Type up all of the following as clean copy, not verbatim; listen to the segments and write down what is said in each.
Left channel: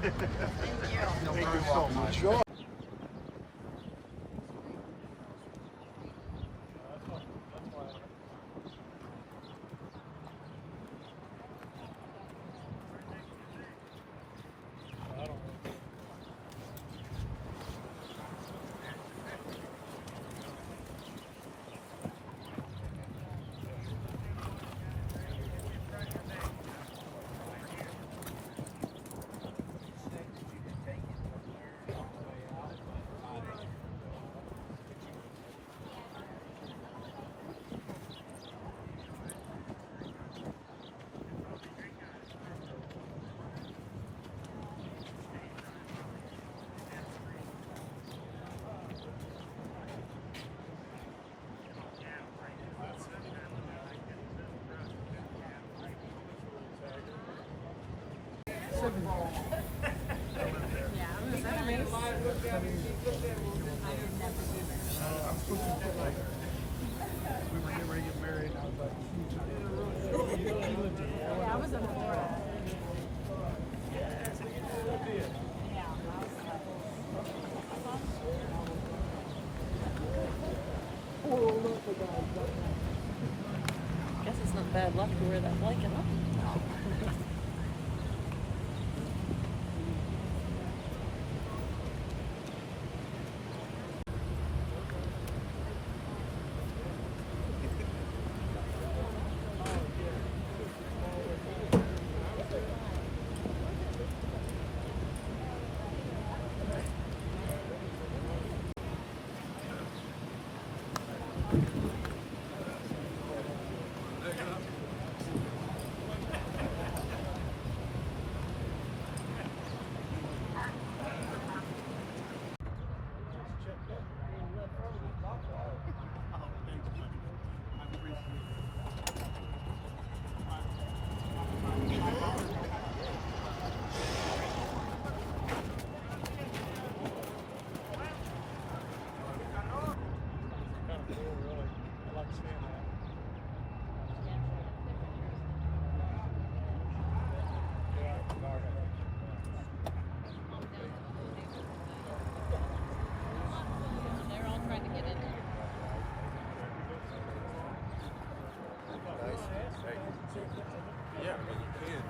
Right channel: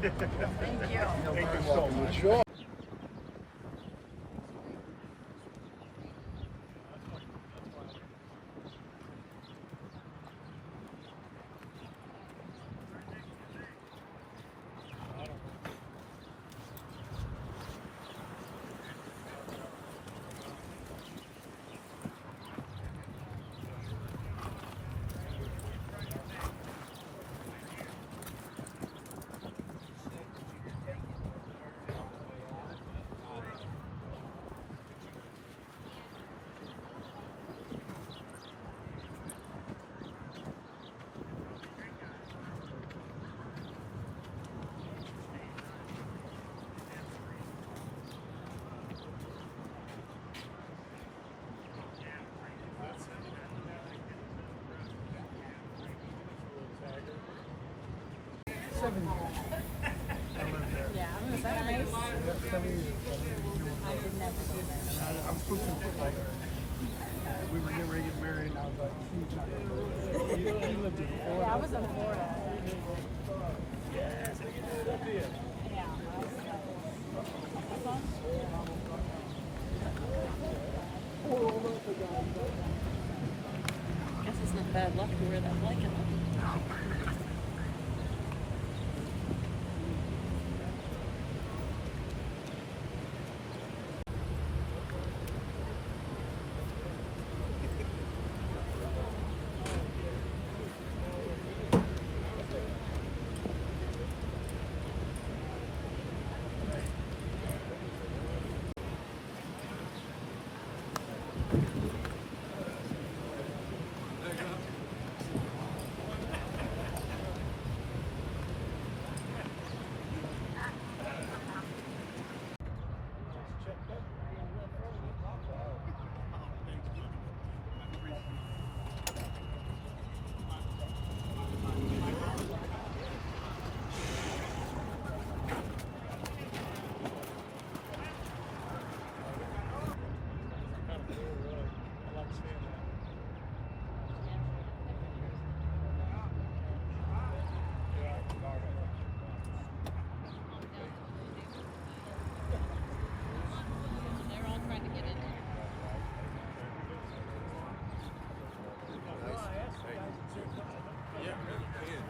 Thank you so much. Sure. We were getting ready to get married, and I was like, you lived in Florida. Yeah, I was in Florida. I guess it's not bad luck to wear that blanket, huh? Yeah, I mean, you can.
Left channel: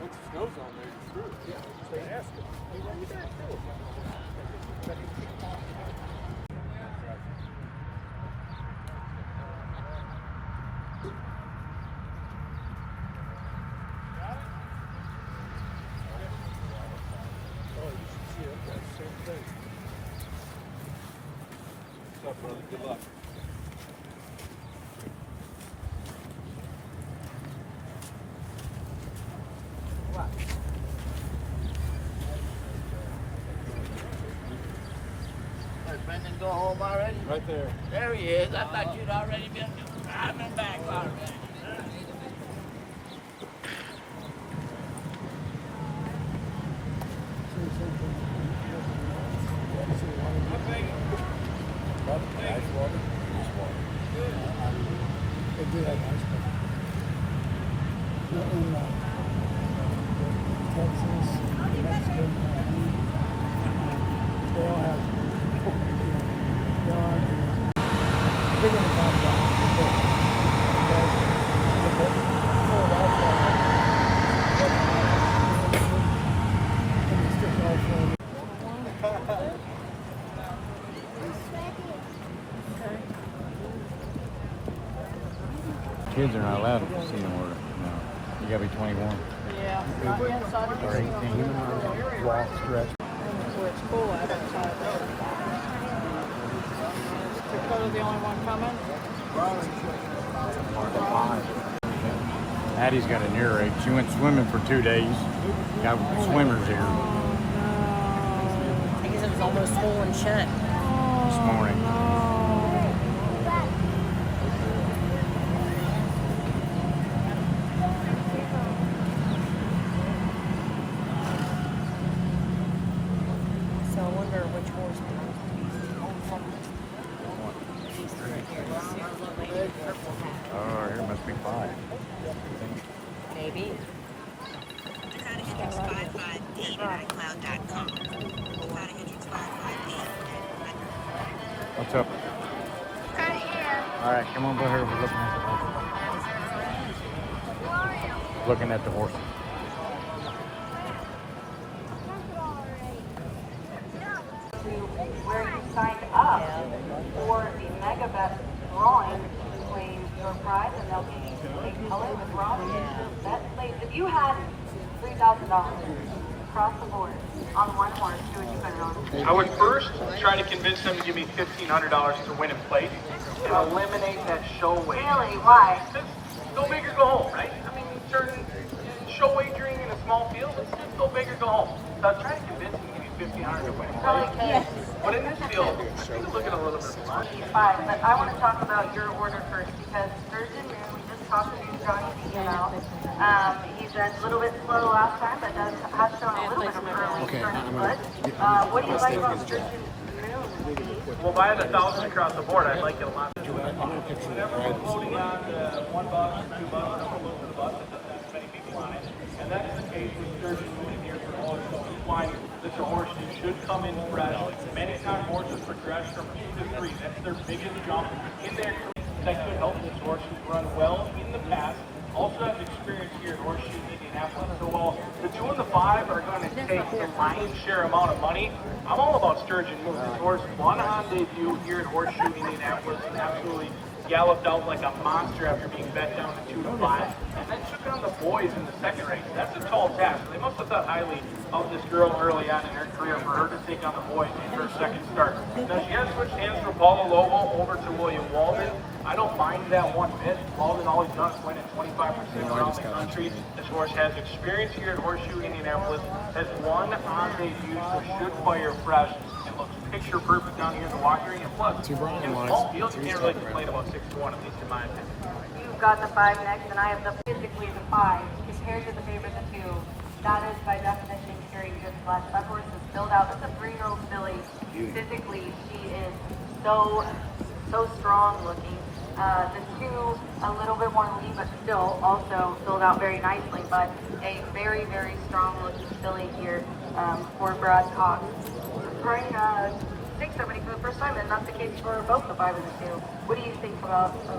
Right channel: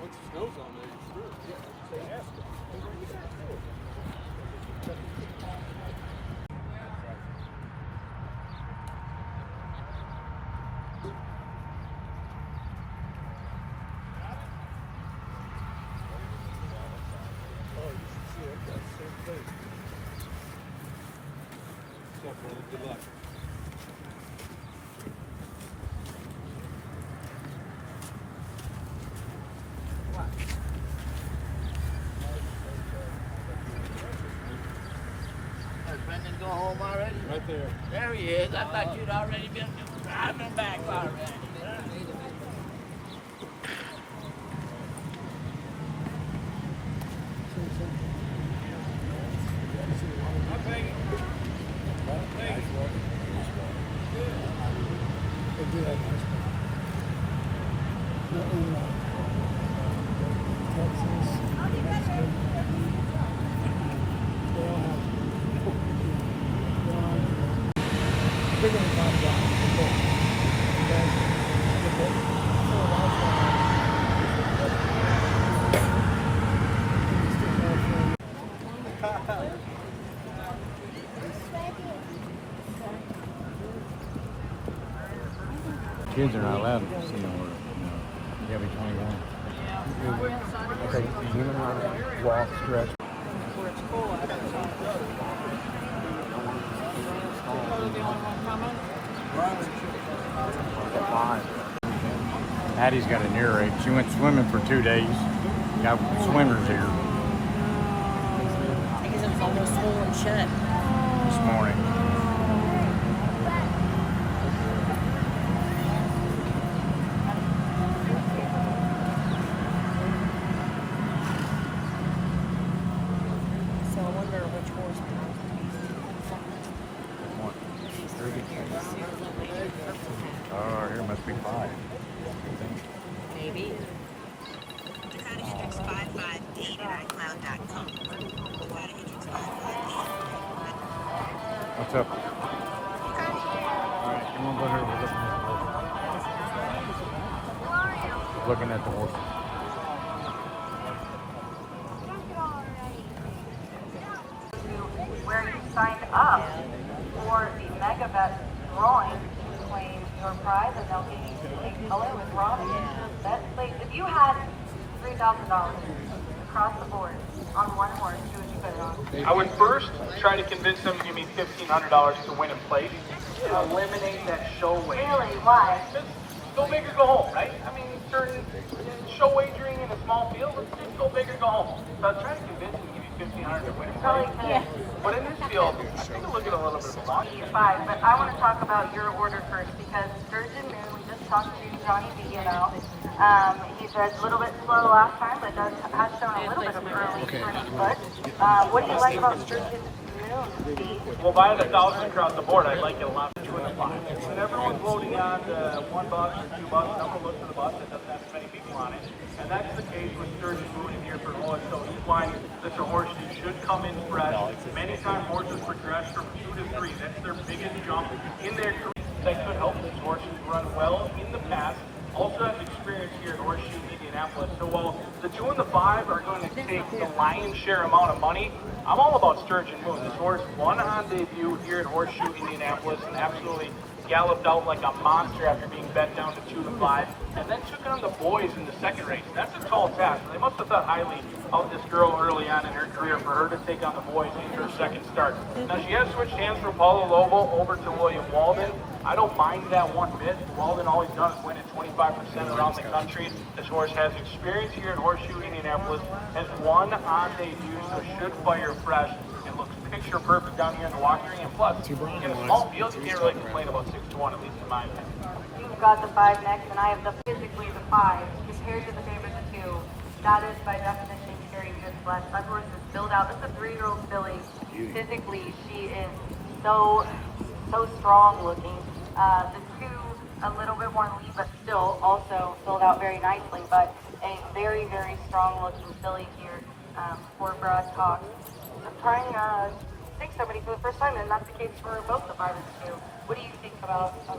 Once the snow's on there, you're screwed. Yeah, they ask it. What's up, brother? Good luck. Brendan go home already? Right there. There he is. I thought you'd already been driving back already. They do have nice stuff. In Texas, Mexico, they all have bigger than Kids are not allowed to see them order. No, you gotta be 21. Yeah. Okay, human run, walk, stretch. Where it's full outside. Is Cola the only one coming? Addie's got an earache. She went swimming for 2 days. Got swimmers here I guess it was almost full and shut. this morning. So I wonder which horse belongs Oh, here must be 5. Maybe. 8@icloud.com. Without a entrance 558. What's up? Right here. All right, come on, go ahead. Looking at the horses. Where you signed up for the Mega Bet drawing between your prize and they'll be a color with Robbie. That place, if you had $3,000 across the board on one horse, who would you put it on? I would first try to convince them to give me $1,500 to win in place and eliminate that show wagering. Really? Why? Just go big or go home, right? I mean, certain show wagering in a small field, let's just go big or go home. So I was trying to convince them to give me $1,500 to win in Probably place. could. But in this field, I think it'll get a little bit much. Fine, but I want to talk about your order first because Sturgeon Moon, we just talked to Johnny about. He said a little bit slow last time, but has shown a little bit of early turning foot. What do you like about Sturgeon Moon? Well, buying 1,000 across the board, I like it a lot. Whenever we're floating on $1 or $2, no one looks at the bus that doesn't have as many people on it. And that's the case with Sturgeon Moon in here for Horseshoe. He's why this Horseshoe should come in fresh. Many times horses progress from 2 to 3. That's their biggest jump in their career. That could help this Horseshoe run well in the past. Also has experience here at Horseshoe in Indianapolis. So while the 2 and the 5 are going to take the lion's share amount of money, I'm all about Sturgeon Moon. This horse won on debut here at Horseshoe Indianapolis and absolutely galloped out like a monster after being bet down to 2 to 5, and then took on the boys in the second race. That's a tall task. They must have thought highly of this girl early on in her career for her to take on the boys in her second start. Now she has switched hands from Paulo Lobo over to William Walden. I don't mind that one bit. Walden always does win at 25% around the country. This horse has experience here at Horseshoe Indianapolis, has won on debut, so should fire fresh and looks picture perfect down here in the walking ring. And plus, all fields here like to play about 6 to 1, at least in my opinion. You've got the 5 next, and I have the physically the 5. Compared to the favorite, the 2, that is by definition carrying good flesh. That horse is filled out. That's a 3-year-old filly. Physically, she is so strong looking. The 2, a little bit more lean, but still also filled out very nicely. But a very, very strong looking filly here for Brad Cox. Trying to think somebody for the first time, and that's the case for both the 5 and the 2. What do you think about the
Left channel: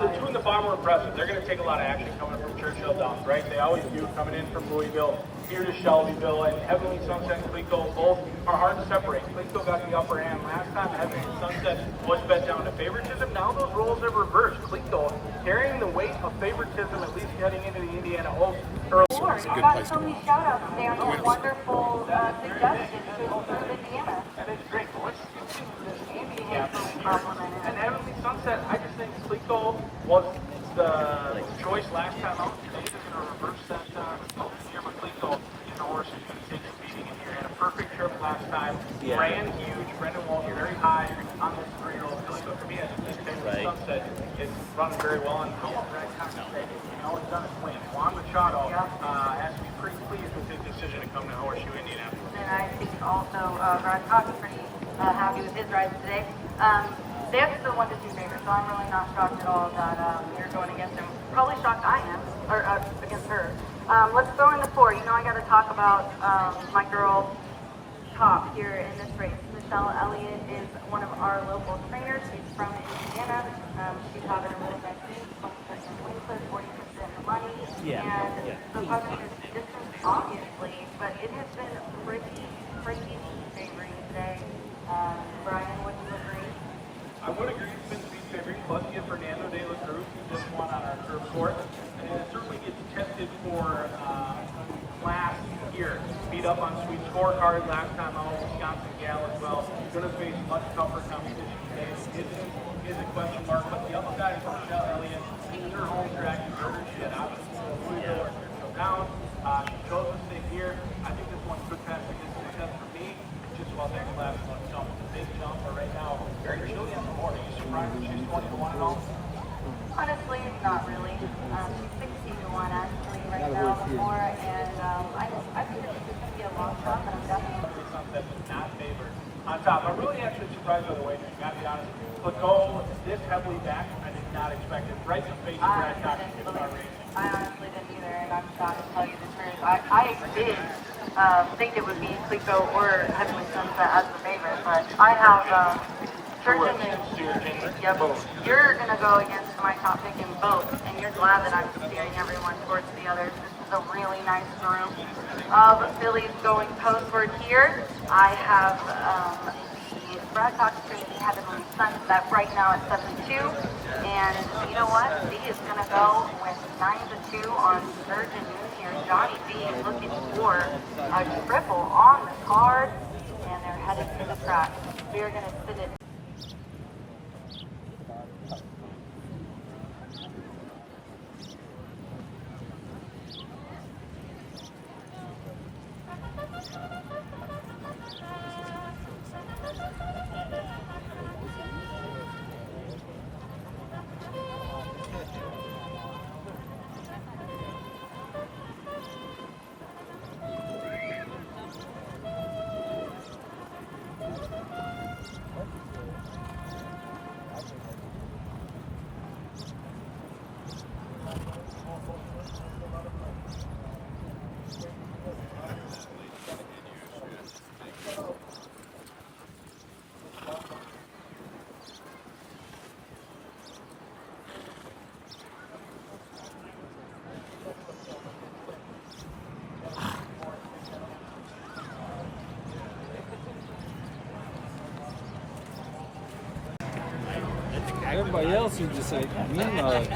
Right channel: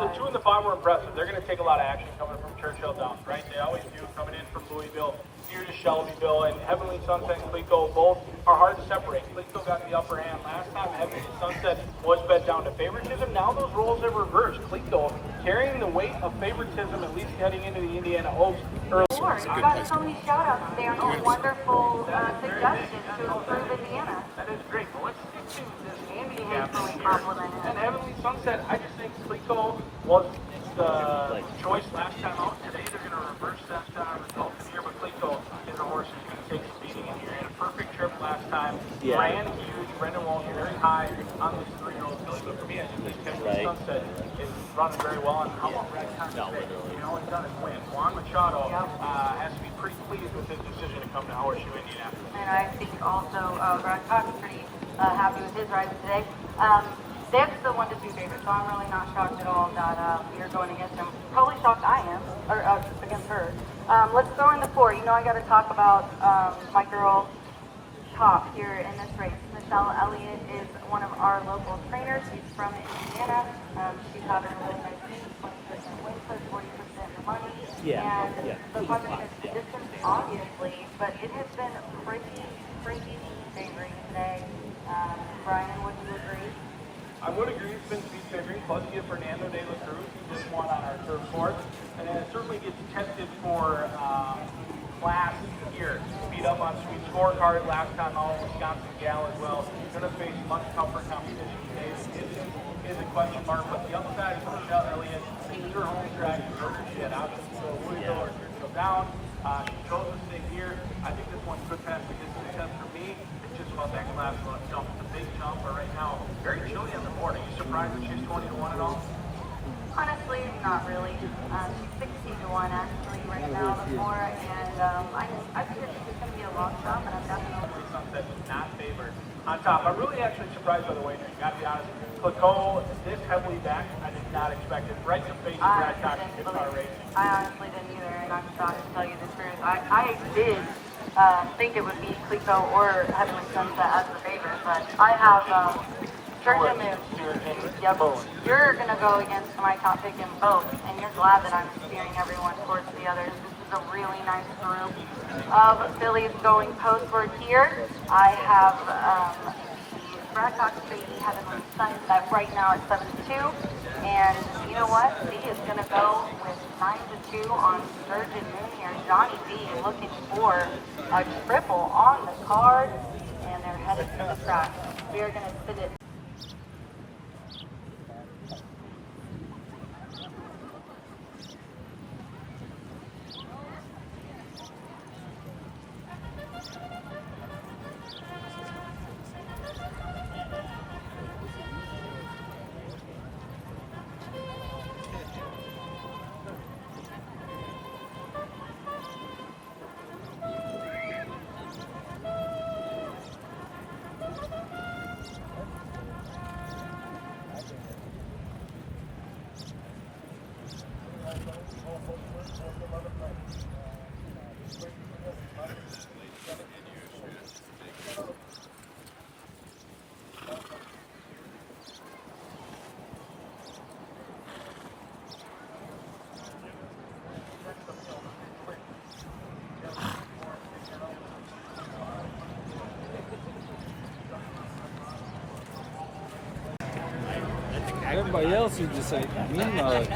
5? The 2 and the 5 were impressive. They're going to take a lot of action coming from Churchill Downs, right? They always do, coming in from Louisville, here to Shelbyville, and Heavenly Sunset and Cleco both are hard to separate. Cleco got the upper hand last time. Heavenly Sunset was bet down to favoritism. Now those roles have reversed. Cleco carrying the weight of favoritism, at least heading into the Indiana Oaks early. I got so many shout-outs there. Wonderful suggestions to improve Indiana. That is great. Well, let's Andy has really complimented. And Heavenly Sunset, I just think Cleco was the choice last time out. Today they're going to reverse that result here, but Cleco is a horse who's going to take some beating in here. Had a perfect trip last time. Ran huge. Brendan Wall very high on this 3-year-old filly. So for me, I think Heavenly Sunset is running very well on the right time to say. All he's done is win. Juan Machado has to be pretty pleased with his decision to come to Horseshoe Indianapolis. And I think also Brad Cox is pretty happy with his ride today. That's the 1 to 2 favorite, so I'm really not shocked at all that you're going against him. Probably shocked I am, or against her. Let's throw in the 4. You know I got to talk about my girl Top here in this race. Michelle Elliott is one of our local trainers. She's from Indiana. She's got a 40% money. And the 500 distance, obviously, but it has been pretty favoring today. Brian, would you agree? I would agree it's been speed favoring, plus you get Fernando de la Cruz, who just won on our turf course, and it certainly gets tested for class here. Beat up on sweet scorecard last time out, Wisconsin gal as well. Going to face much tougher competition today. It is a question mark, but the other side is Michelle Elliott. This is her home track. You heard her. She had options to go Louisville or Churchill Downs. She chose to stay here. I think this one could pass the distance test for me. It's just about that class one jump. It's a big jump, but right now, very chilly on the morning. Are you surprised that she's 20 to 1 at all? Honestly, not really. She's 16 to 1 actually right now on the floor, and I think that this is going to be a long shot, and I'm definitely That's not favored. On top, I'm really actually surprised by the way you got to be honest. Clicole, this heavily back, I did not expect it. Right in the face of Brad Cox in our race. I honestly didn't either, and I'm shocked to tell you the truth. I did think it would be Clico or Heavenly Sunset as the favorite, but I have Yep. You're going to go against my top pick in both, and you're glad that I'm steering everyone towards the others. This is a really nice group of fillies going postward here. I have the Brad Cox Tracy Heavenly Sunset right now at 72. And you know what? B is going to go with 9-2 on Sturgeon Moon here. Johnny B looking for a triple on the card, and they're headed to the track. We are going to sit it. Everybody else would just say, meanwhile.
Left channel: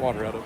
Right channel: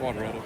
hot water at it.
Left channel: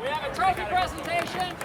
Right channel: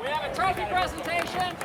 We have a trophy presentation.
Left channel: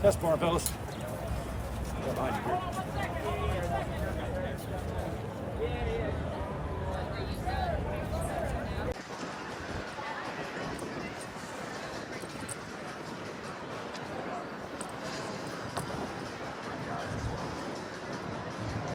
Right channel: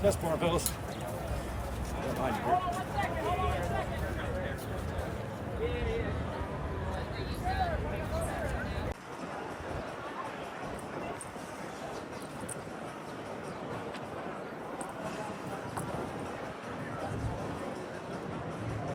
Test bar, fellas. Behind you here.